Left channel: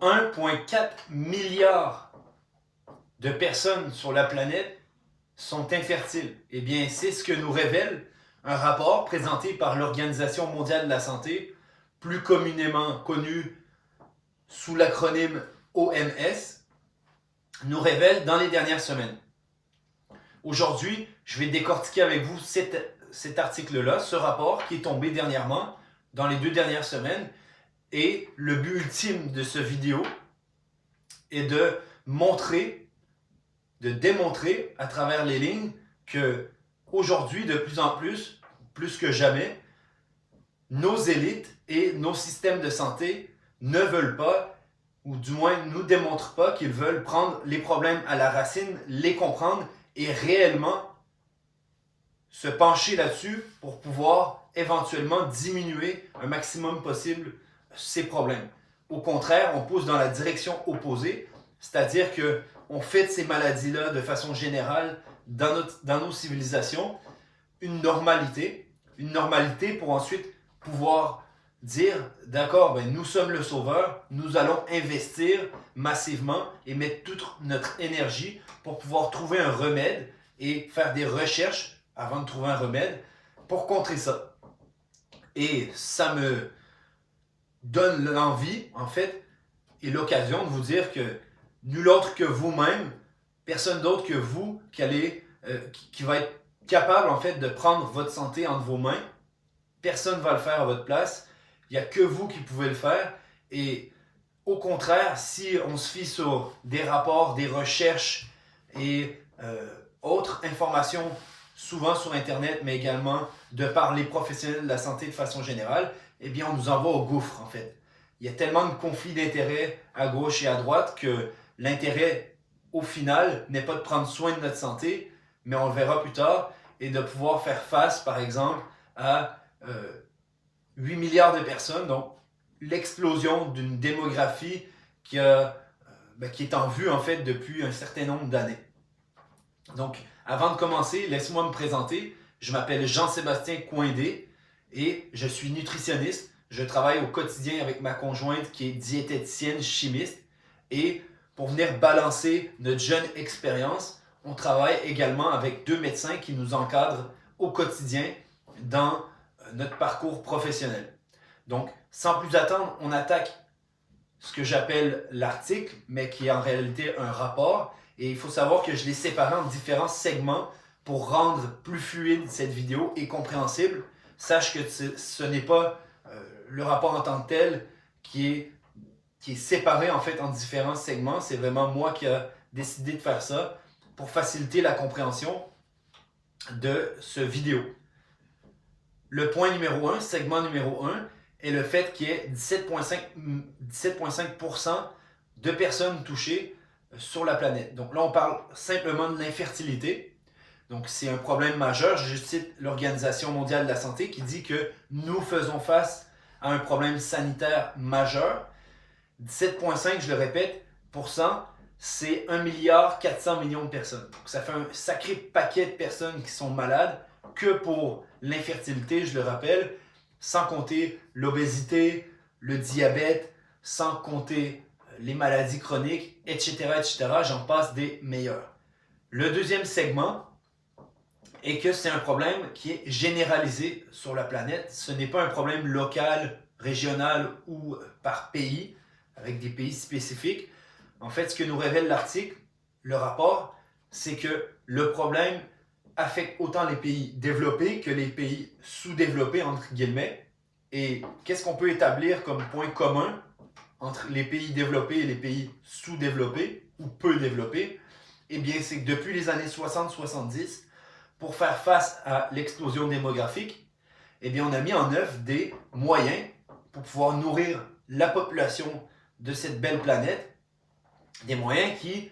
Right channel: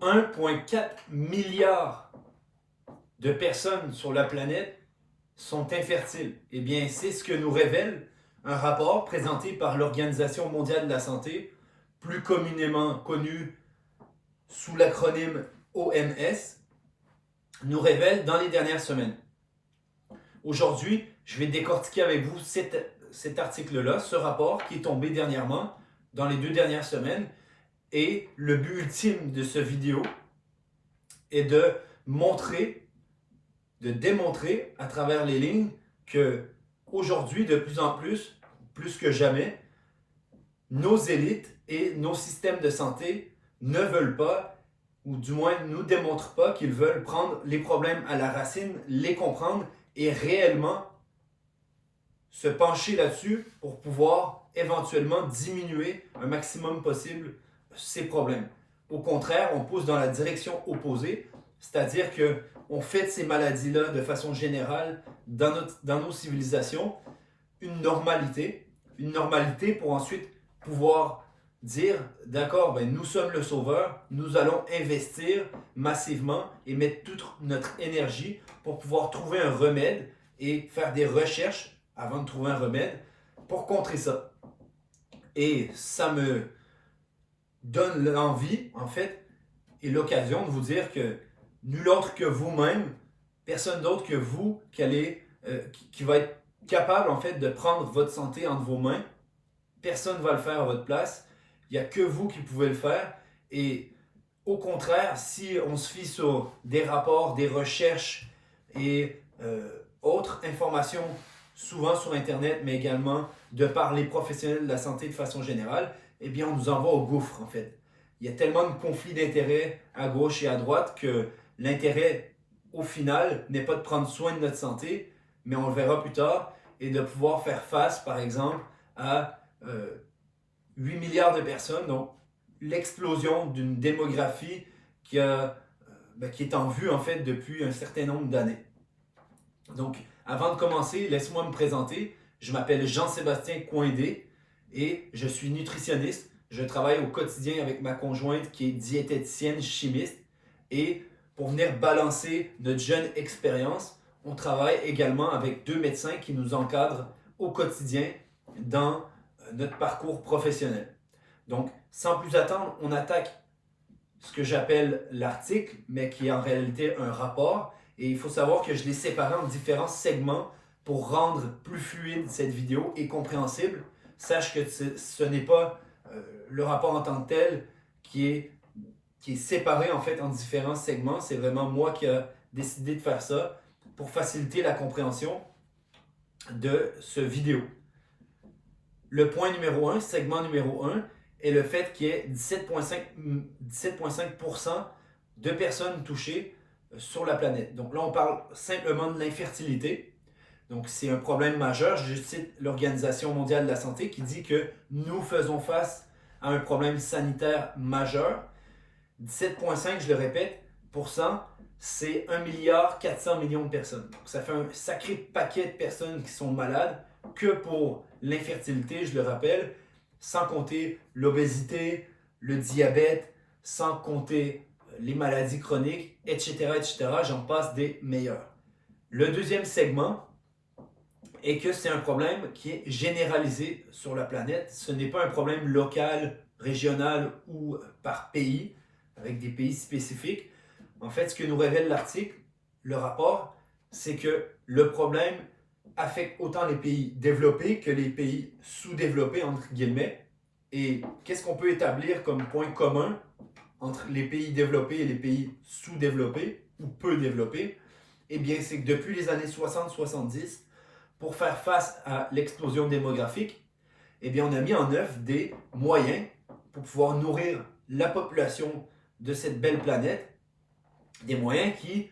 1,4 milliard de personnes sur la planète sont infertiles. Eh bien, c'est ce que nous révèle un rapport présenté par l'Organisation mondiale de la santé, plus communément connue sous l'acronyme OMS, nous révèle dans les dernières semaines. Aujourd'hui, je vais décortiquer avec vous cet article-là, ce rapport qui est tombé dernièrement, dans les 2 dernières semaines. Et le but ultime de cette vidéo est de démontrer à travers les lignes que aujourd'hui, de plus en plus, plus que jamais, nos élites et nos systèmes de santé ne veulent pas, ou du moins nous démontrent pas qu'ils veulent prendre les problèmes à la racine, les comprendre et réellement se pencher là-dessus pour pouvoir éventuellement diminuer un maximum possible ces problèmes. Au contraire, on pousse dans la direction opposée, c'est-à-dire qu'on fait de ces maladies-là de façon générale dans nos civilisations une normalité pour ensuite pouvoir dire, d'accord, ben nous sommes le sauveur, nous allons investir massivement et mettre toute notre énergie pour pouvoir trouver un remède et faire des recherches avant de trouver un remède pour contrer ça. Et ça me donne l'envie, en fait, et l'occasion de vous dire que nul autre que vous-même, personne d'autre que vous qui va être capable, en fait, de prendre votre santé entre vos mains. Personne ne va le faire à votre place. Il n'y a que vous qui pouvez le faire. Et au contraire, si on se fie sur des rapports, des recherches et autres informations, souvent sur Internet, mais également de par les professionnels de la santé de façon générale, eh bien, on nous envoie au gouffre, en fait. Il y a tellement de conflits d'intérêts à gauche et à droite que l'intérêt, au final, n'est pas de prendre soin de notre santé, mais on le verra plus tard, et de pouvoir faire face, par exemple, à 8 milliards de personnes, donc l'explosion d'une démographie qui est en vue, en fait, depuis un certain nombre d'années. Donc, avant de commencer, laisse-moi me présenter. Je m'appelle Jean-Sébastien Coindé et je suis nutritionniste. Je travaille au quotidien avec ma conjointe qui est diététicienne chimiste. Et pour venir balancer notre jeune expérience, on travaille également avec 2 médecins qui nous encadrent au quotidien dans notre parcours professionnel. Donc, sans plus attendre, on attaque ce que j'appelle l'article, mais qui est en réalité un rapport. Et il faut savoir que je l'ai séparé en différents segments pour rendre plus fluide cette vidéo et compréhensible. Sache que ce n'est pas le rapport en tant que tel qui est séparé en fait en différents segments. C'est vraiment moi qui ai décidé de faire ça pour faciliter la compréhension de ce vidéo. Le point numéro 1, segment numéro 1, est le fait qu'il y ait 17,5% de personnes touchées sur la planète. Donc là, on parle simplement de l'infertilité. Donc c'est un problème majeur. Je cite l'Organisation mondiale de la santé qui dit que nous faisons face à un problème sanitaire majeur. 17,5, je le répète, c'est 1,4 milliard de personnes. Donc ça fait un sacré paquet de personnes qui sont malades que pour l'infertilité, je le rappelle, sans compter l'obésité, le diabète, sans compter les maladies chroniques, etc., etc. J'en passe des meilleurs. Le deuxième segment est que c'est un problème qui est généralisé sur la planète. Ce n'est pas un problème local, régional ou par pays, avec des pays spécifiques. En fait, ce que nous révèle l'article, le rapport, c'est que le problème affecte autant les pays développés que les pays sous-développés, entre guillemets. Et qu'est-ce qu'on peut établir comme point commun entre les pays développés et les pays sous-développés ou peu développés? Eh bien, c'est que depuis les années 60-70, pour faire face à l'explosion démographique, eh bien, on a mis en œuvre des moyens pour pouvoir nourrir la population de cette belle planète, des moyens qui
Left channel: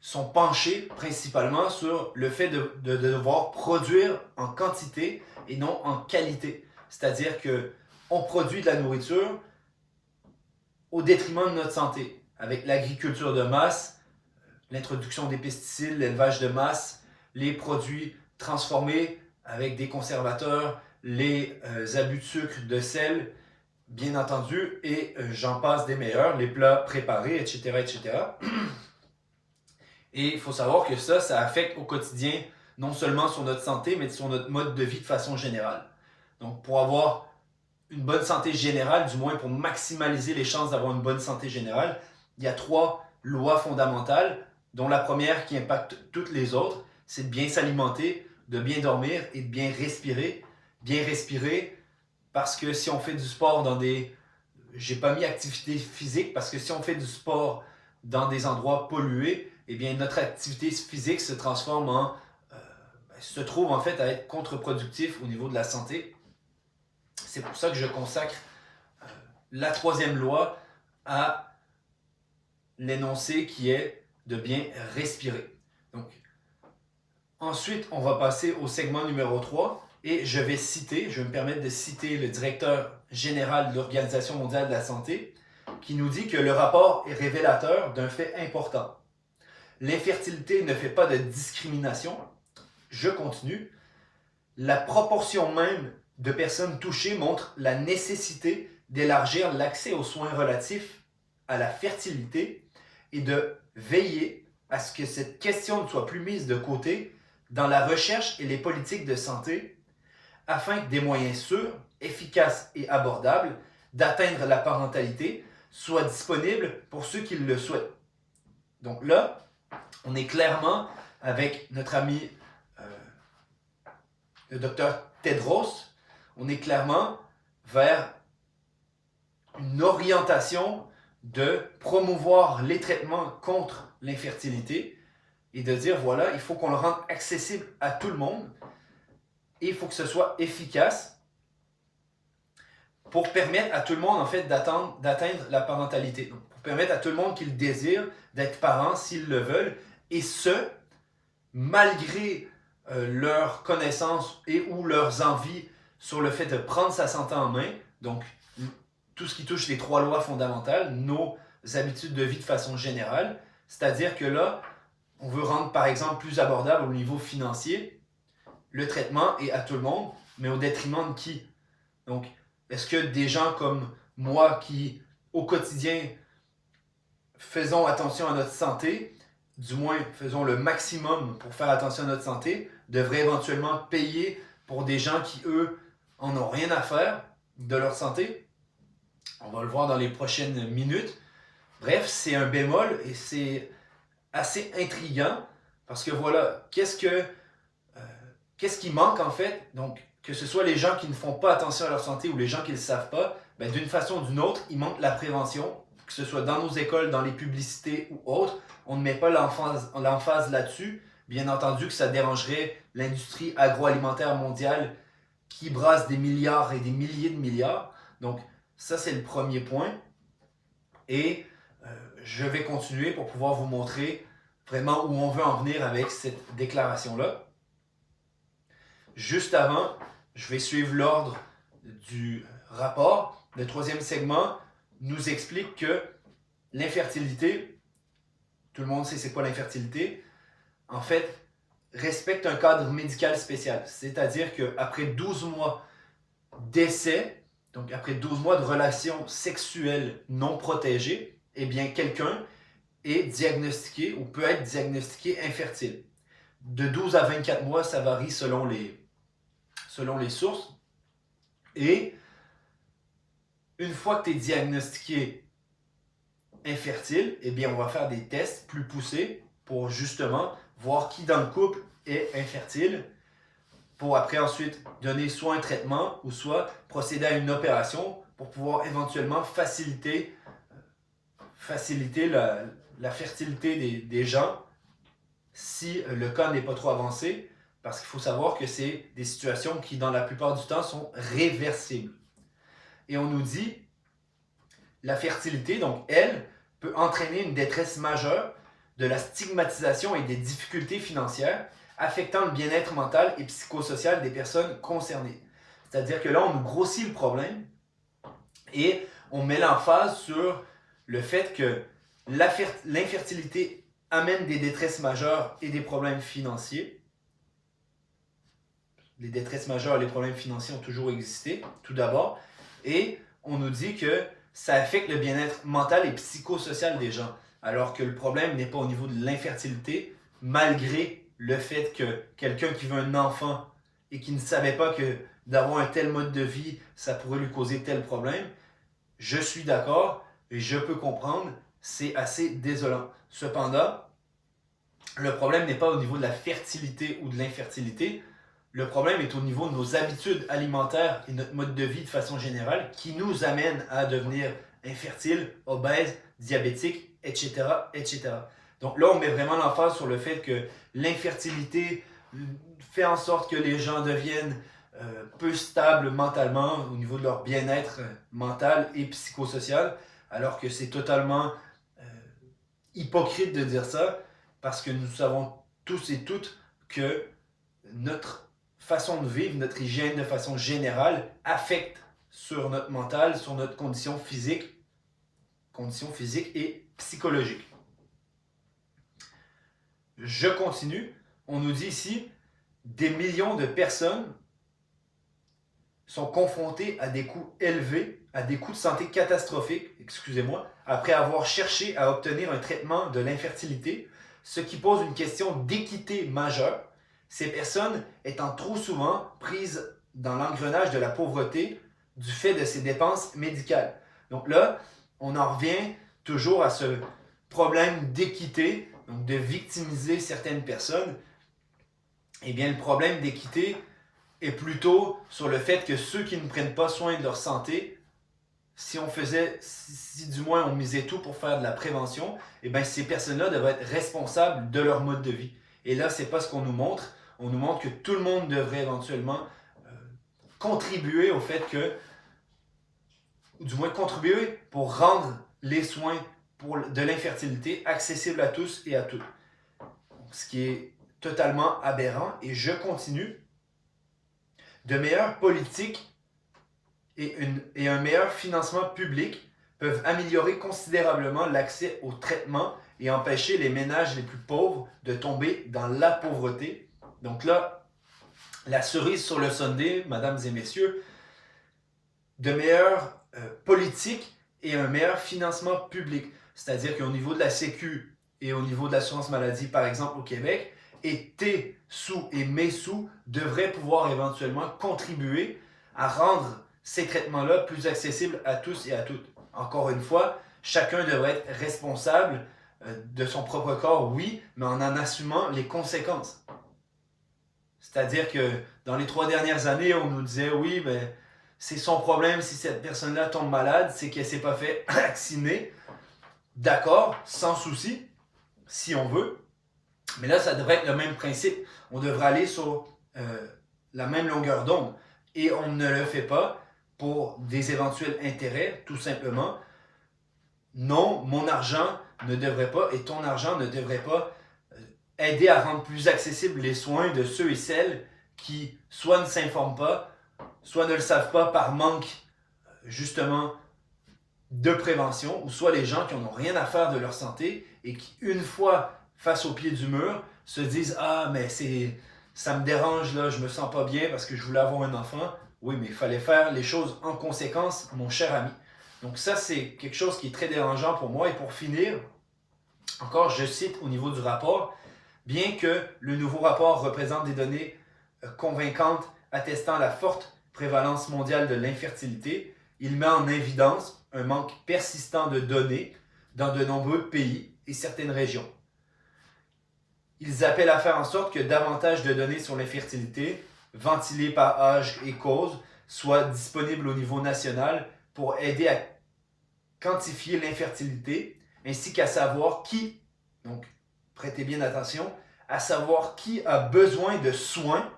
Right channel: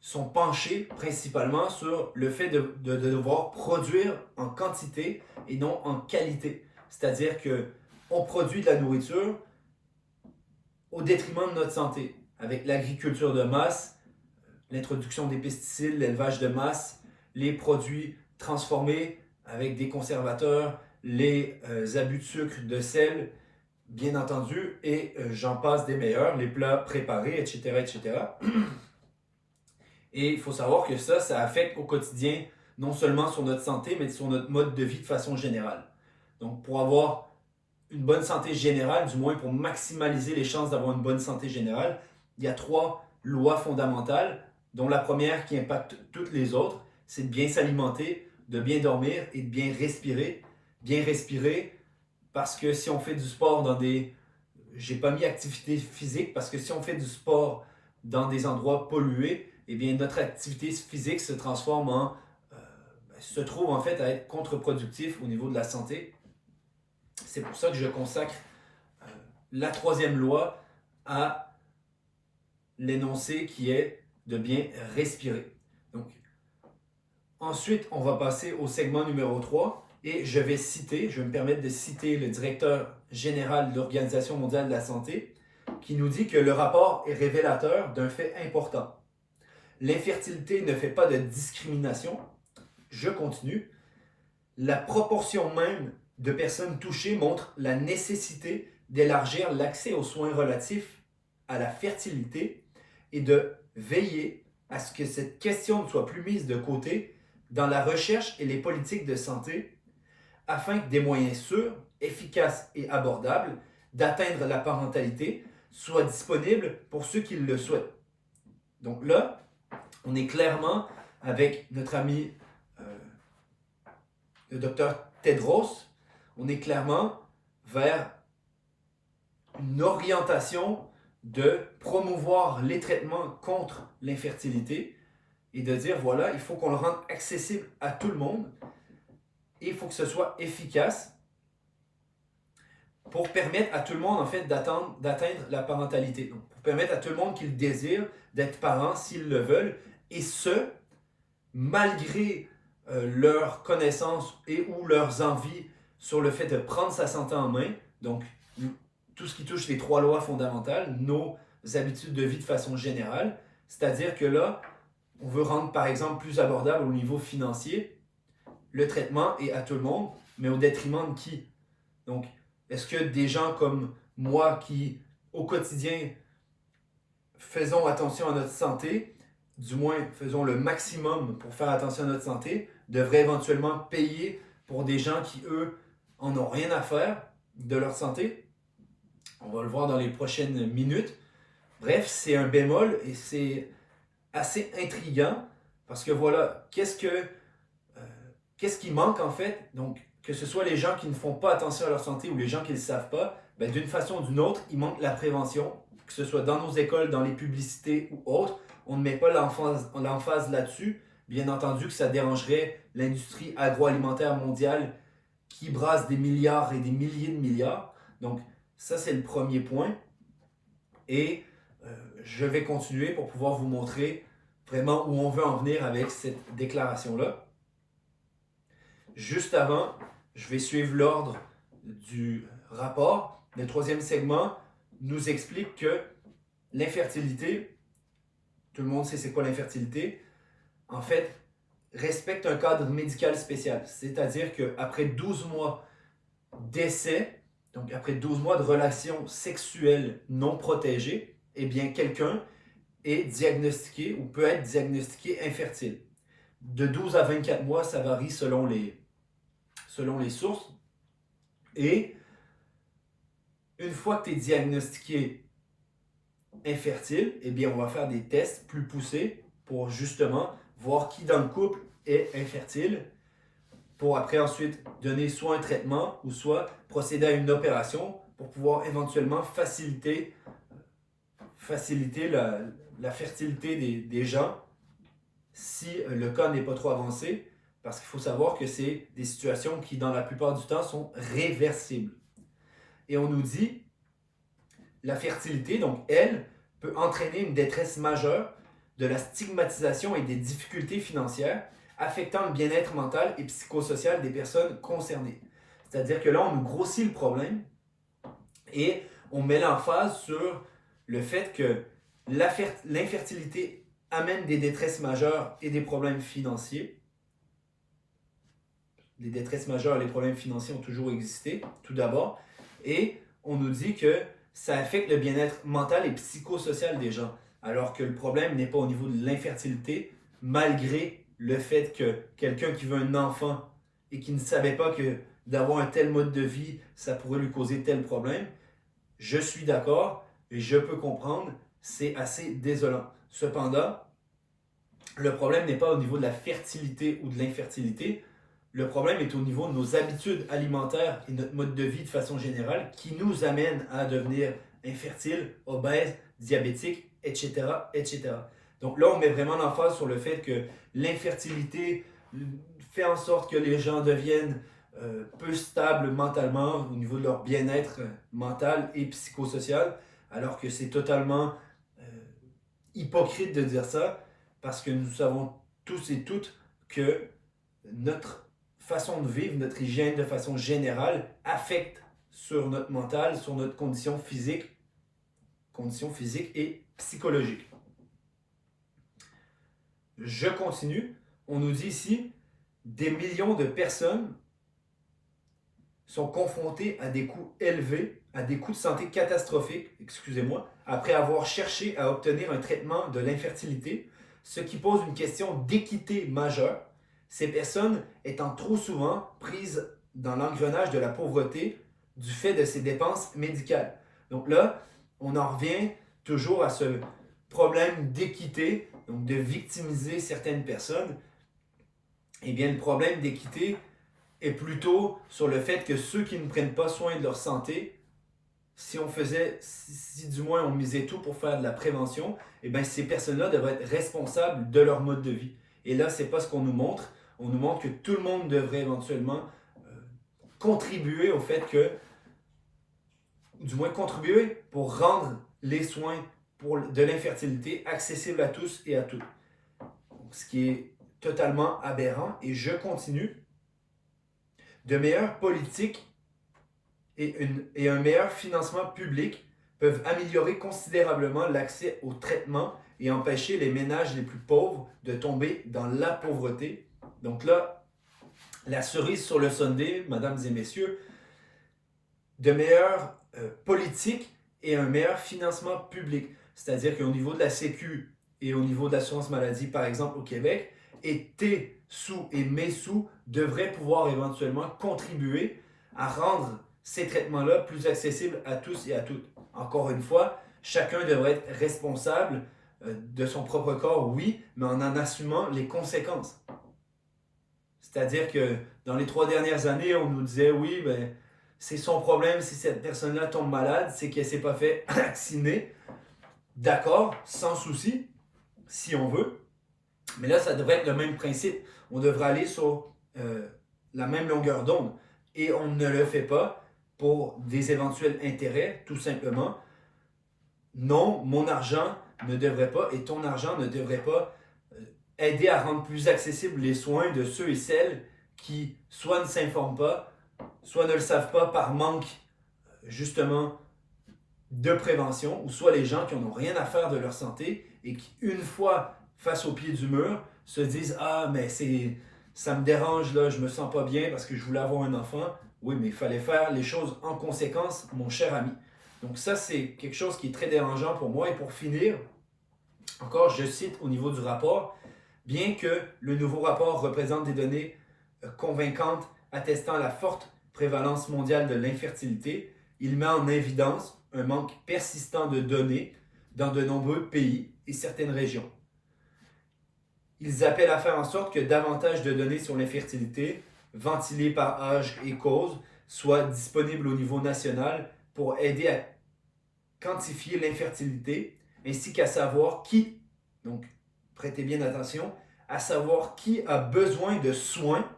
sont penchés principalement sur le fait de devoir produire en quantité et non en qualité. C'est-à-dire qu'on produit de la nourriture au détriment de notre santé, avec l'agriculture de masse, l'introduction des pesticides, l'élevage de masse, les produits transformés avec des conservateurs, les abus de sucre, de sel, bien entendu, et j'en passe des meilleurs, les plats préparés, etc., etc. Et il faut savoir que ça affecte au quotidien, non seulement sur notre santé, mais sur notre mode de vie de façon générale. Donc, pour avoir une bonne santé générale, du moins pour maximaliser les chances d'avoir une bonne santé générale, il y a 3 lois fondamentales, dont la première qui impacte toutes les autres, c'est de bien s'alimenter, de bien dormir et de bien respirer. Bien respirer parce que si on fait du sport dans des... J'ai pas mis activité physique parce que si on fait du sport dans des endroits pollués, eh bien notre activité physique se transforme en... se trouve en fait à être contre-productif au niveau de la santé. C'est pour ça que je consacre la 3e loi à l'énoncé qui est de bien respirer. Donc, ensuite, on va passer au segment numéro 3 et je vais me permettre de citer le directeur général de l'Organisation mondiale de la santé qui nous dit que le rapport est révélateur d'un fait important. L'infertilité ne fait pas de discrimination. Je continue. La proportion même de personnes touchées montre la nécessité d'élargir l'accès aux soins relatifs à la fertilité et de veiller à ce que cette question ne soit plus mise de côté dans la recherche et les politiques de santé afin que des moyens sûrs, efficaces et abordables d'atteindre la parentalité soient disponibles pour ceux qui le souhaitent. Donc là, on est clairement avec notre ami le docteur Tedros, on est clairement vers une orientation de promouvoir les traitements contre l'infertilité et de dire voilà, il faut qu'on le rende accessible à tout le monde et il faut que ce soit efficace pour permettre à tout le monde en fait d'atteindre la parentalité. Donc, pour permettre à tout le monde qui le désire d'être parent s'ils le veulent et ce, malgré leurs connaissances et ou leurs envies sur le fait de prendre sa santé en main, donc tout ce qui touche les 3 lois fondamentales, nos habitudes de vie de façon générale, c'est-à-dire que là, on veut rendre par exemple plus abordable au niveau financier le traitement et à tout le monde, mais au détriment de qui? Donc, est-ce que des gens comme moi qui, au quotidien, faisons attention à notre santé, du moins faisons le maximum pour faire attention à notre santé, devraient éventuellement payer pour des gens qui, eux, en ont rien à faire de leur santé? On va le voir dans les prochaines minutes. Bref, c'est un bémol et c'est assez intriguant parce que voilà, qu'est-ce qui manque en fait? Donc, que ce soit les gens qui ne font pas attention à leur santé ou les gens qui ne le savent pas, ben, d'une façon ou d'une autre, il manque la prévention, que ce soit dans nos écoles, dans les publicités ou autres. On ne met pas l'emphase là-dessus. Bien entendu que ça dérangerait l'industrie agroalimentaire mondiale qui brasse des milliards et des milliers de milliards. Donc, ça, c'est le premier point. Et je vais continuer pour pouvoir vous montrer vraiment où on veut en venir avec cette déclaration-là. Juste avant, je vais suivre l'ordre du rapport. Le 3e segment nous explique que l'infertilité, tout le monde sait c'est quoi l'infertilité, en fait, respecte un cadre médical spécial. C'est-à-dire qu'après 12 mois d'essai, donc après 12 mois de relations sexuelles non protégées, eh bien quelqu'un est diagnostiqué ou peut être diagnostiqué infertile. De 12 à 24 mois, ça varie selon les sources. Et une fois que tu es diagnostiqué infertile, eh bien on va faire des tests plus poussés pour justement voir qui dans le couple est infertile pour après ensuite donner soit un traitement ou soit procéder à une opération pour pouvoir éventuellement faciliter la fertilité des gens si le cas n'est pas trop avancé, parce qu'il faut savoir que c'est des situations qui, dans la plupart du temps, sont réversibles. Et on nous dit, la fertilité, donc elle, peut entraîner une détresse majeure, de la stigmatisation et des difficultés financières, affectant le bien-être mental et psychosocial des personnes concernées. C'est-à-dire que là, on nous grossit le problème et on met l'emphase sur le fait que l'infertilité amène des détresses majeures et des problèmes financiers. Les détresses majeures et les problèmes financiers ont toujours existé, tout d'abord. Et on nous dit que ça affecte le bien-être mental et psychosocial des gens, alors que le problème n'est pas au niveau de l'infertilité, malgré le fait que quelqu'un qui veut un enfant et qui ne savait pas que d'avoir un tel mode de vie, ça pourrait lui causer tel problème, je suis d'accord et je peux comprendre, c'est assez désolant. Cependant, le problème n'est pas au niveau de la fertilité ou de l'infertilité, le problème est au niveau de nos habitudes alimentaires et notre mode de vie de façon générale qui nous amène à devenir infertiles, obèses, diabétiques, etc., etc. Donc là, on met vraiment l'emphase sur le fait que l'infertilité fait en sorte que les gens deviennent peu stables mentalement au niveau de leur bien-être mental et psychosocial, alors que c'est totalement hypocrite de dire ça, parce que nous savons tous et toutes que notre façon de vivre, notre hygiène de façon générale affecte sur notre mental, sur notre condition physique et psychologique. Je continue. On nous dit ici, des millions de personnes sont confrontées à des coûts élevés, à des coûts de santé catastrophiques, après avoir cherché à obtenir un traitement de l'infertilité, ce qui pose une question d'équité majeure, ces personnes étant trop souvent prises dans l'engrenage de la pauvreté du fait de ces dépenses médicales. Donc là, on en revient toujours à ce problème d'équité, donc de victimiser certaines personnes. Eh bien, le problème d'équité est plutôt sur le fait que ceux qui ne prennent pas soin de leur santé, si du moins on misait tout pour faire de la prévention, eh bien ces personnes-là devraient être responsables de leur mode de vie. Et là, c'est pas ce qu'on nous montre. On nous montre que tout le monde devrait éventuellement contribuer au fait que, ou du moins contribuer pour rendre les soins de l'infertilité accessibles à tous et à toutes. Ce qui est totalement aberrant. Et je continue. De meilleures politiques et un meilleur financement public peuvent améliorer considérablement l'accès au traitement et empêcher les ménages les plus pauvres de tomber dans la pauvreté. Donc là, la cerise sur le sundae, mesdames et messieurs, de meilleures politiques et un meilleur financement public. C'est-à-dire qu'au niveau de la Sécu et au niveau de l'assurance maladie, par exemple au Québec, et tes sous et mes sous devraient pouvoir éventuellement contribuer à rendre ces traitements-là plus accessibles à tous et à toutes. Encore une fois, chacun devrait être responsable de son propre corps, oui, mais en assumant les conséquences. C'est-à-dire que dans les 3 dernières années, on nous disait, oui, ben, c'est son problème si cette personne-là tombe malade, c'est qu'elle ne s'est pas fait vacciner. D'accord, sans souci, si on veut. Mais là, ça devrait être le même principe. On devrait aller sur la même longueur d'onde. Et on ne le fait pas pour des éventuels intérêts, tout simplement. Non, mon argent ne devrait pas et ton argent ne devrait pas aider à rendre plus accessibles les soins de ceux et celles qui soit ne s'informent pas, soit ne le savent pas par manque, justement, de prévention, ou soit les gens qui n'ont rien à faire de leur santé et qui, une fois face au pied du mur, se disent « Ah, mais ça me dérange, là, je me sens pas bien parce que je voulais avoir un enfant. » Oui, mais il fallait faire les choses en conséquence, mon cher ami. Donc ça, c'est quelque chose qui est très dérangeant pour moi. Et pour finir, encore, je cite au niveau du rapport, bien que le nouveau rapport représente des données convaincantes attestant la forte prévalence mondiale de l'infertilité, il met en évidence un manque persistant de données dans de nombreux pays et certaines régions. Ils appellent à faire en sorte que davantage de données sur l'infertilité, ventilées par âge et cause, soient disponibles au niveau national pour aider à quantifier l'infertilité, ainsi qu'à savoir qui, donc prêtez bien attention, à savoir qui a besoin de soins,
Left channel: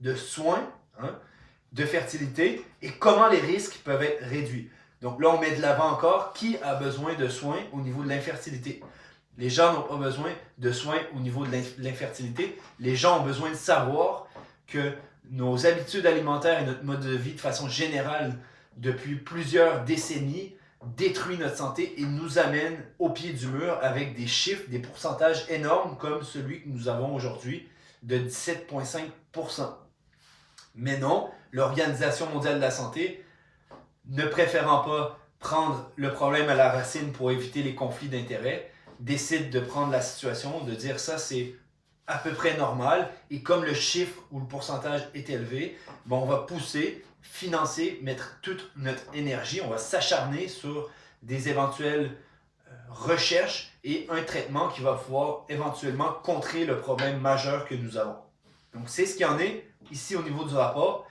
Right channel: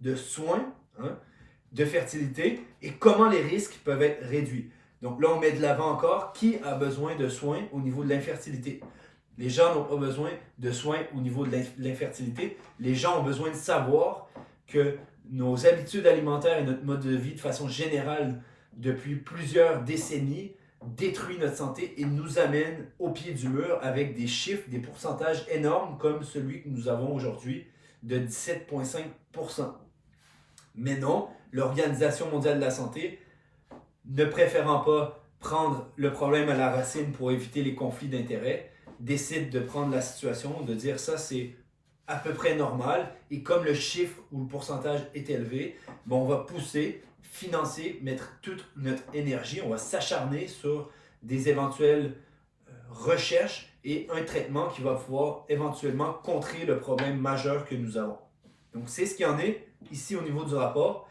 de fertilité et comment les risques peuvent être réduits. Donc là, on met de l'avant encore qui a besoin de soins au niveau de l'infertilité. Les gens n'ont pas besoin de soins au niveau de l'infertilité. Les gens ont besoin de savoir que nos habitudes alimentaires et notre mode de vie de façon générale depuis plusieurs décennies détruit notre santé et nous amène au pied du mur avec des chiffres, des pourcentages énormes comme celui que nous avons aujourd'hui de 17,5%. Mais non, l'Organisation mondiale de la santé ne préférant pas prendre le problème à la racine pour éviter les conflits d'intérêts, décide de prendre la situation, de dire ça c'est à peu près normal et comme le chiffre ou le pourcentage est élevé, ben on va pousser, financer, mettre toute notre énergie, on va s'acharner sur des éventuelles recherches et un traitement qui va pouvoir éventuellement contrer le problème majeur que nous avons. Donc c'est ce qu'il y en est ici au niveau du rapport.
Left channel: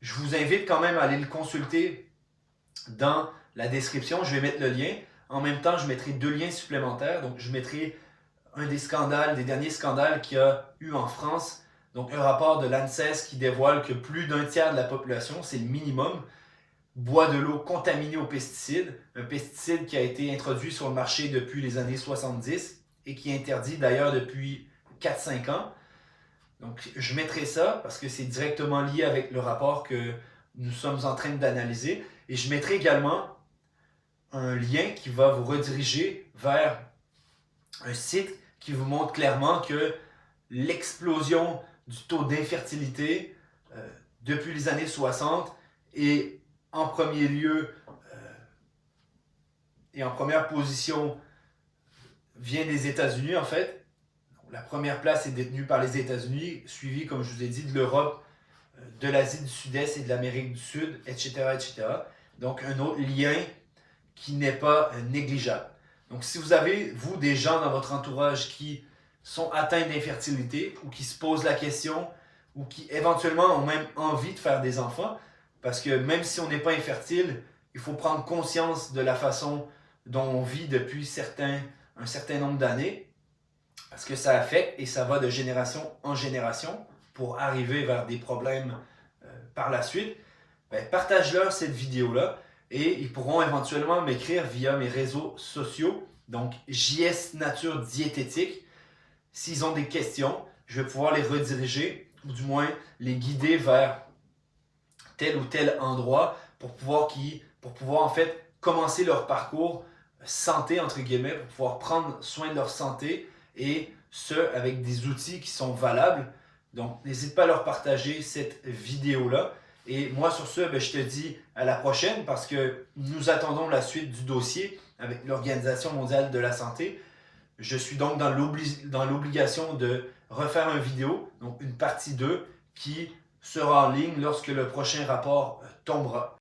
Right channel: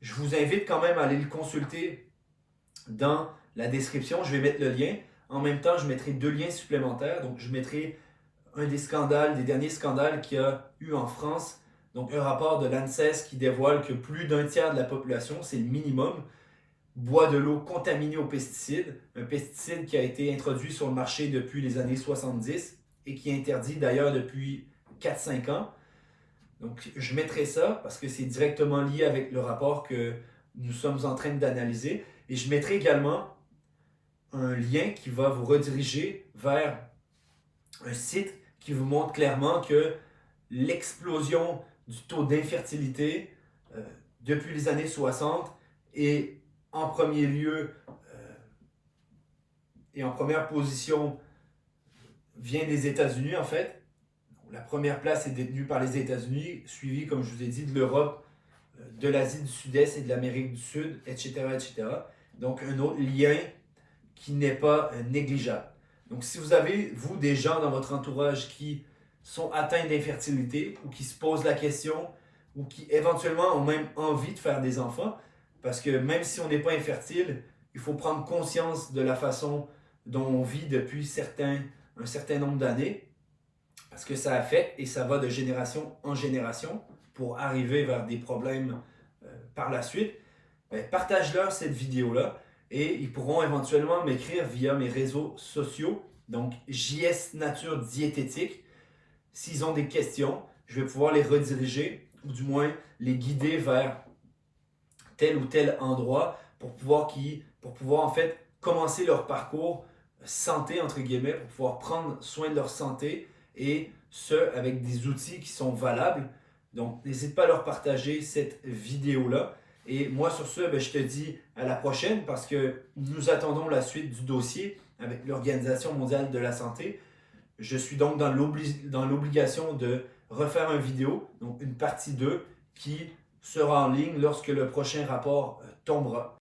Je vous invite quand même à aller le consulter dans la description. Je vais mettre le lien. En même temps, je mettrai 2 liens supplémentaires. Donc, je mettrai un des derniers scandales qu'il y a eu en France. Donc, un rapport de l'ANSES qui dévoile que plus d'un tiers de la population, c'est le minimum, boit de l'eau contaminée aux pesticides. Un pesticide qui a été introduit sur le marché depuis les années 70 et qui est interdit d'ailleurs depuis 4-5 ans. Donc, je mettrai ça parce que c'est directement lié avec le rapport que nous sommes en train d'analyser. Et je mettrai également un lien qui va vous rediriger vers un site qui vous montre clairement que l'explosion du taux d'infertilité depuis les années 60 est en premier lieu et en première position vient des États-Unis en fait. La première place est détenue par les États-Unis, suivie, comme je vous ai dit, de l'Europe, de l'Asie du Sud-Est et de l'Amérique du Sud, etc., etc. Donc, un autre lien qui n'est pas négligeable. Donc, si vous avez, vous, des gens dans votre entourage qui sont atteints d'infertilité ou qui se posent la question ou qui éventuellement ont même envie de faire des enfants, parce que même si on n'est pas infertile, il faut prendre conscience de la façon dont on vit depuis un certain nombre d'années, parce que ça affecte et ça va de génération en génération pour arriver vers des problèmes par la suite. Ben, partage-leur cette vidéo-là et ils pourront éventuellement m'écrire via mes réseaux sociaux, donc JS Nature Diététique. S'ils ont des questions, je vais pouvoir les rediriger ou du moins les guider vers tel ou tel endroit pour pouvoir en fait commencer leur parcours santé entre guillemets, pour pouvoir prendre soin de leur santé et ce avec des outils qui sont valables. Donc n'hésite pas à leur partager cette vidéo-là. Et moi sur ce, ben, je te dis à la prochaine parce que nous attendons la suite du dossier avec l'Organisation mondiale de la santé. Je suis donc dans l'obligation de refaire une vidéo, donc une partie 2, qui sera en ligne lorsque le prochain rapport tombera.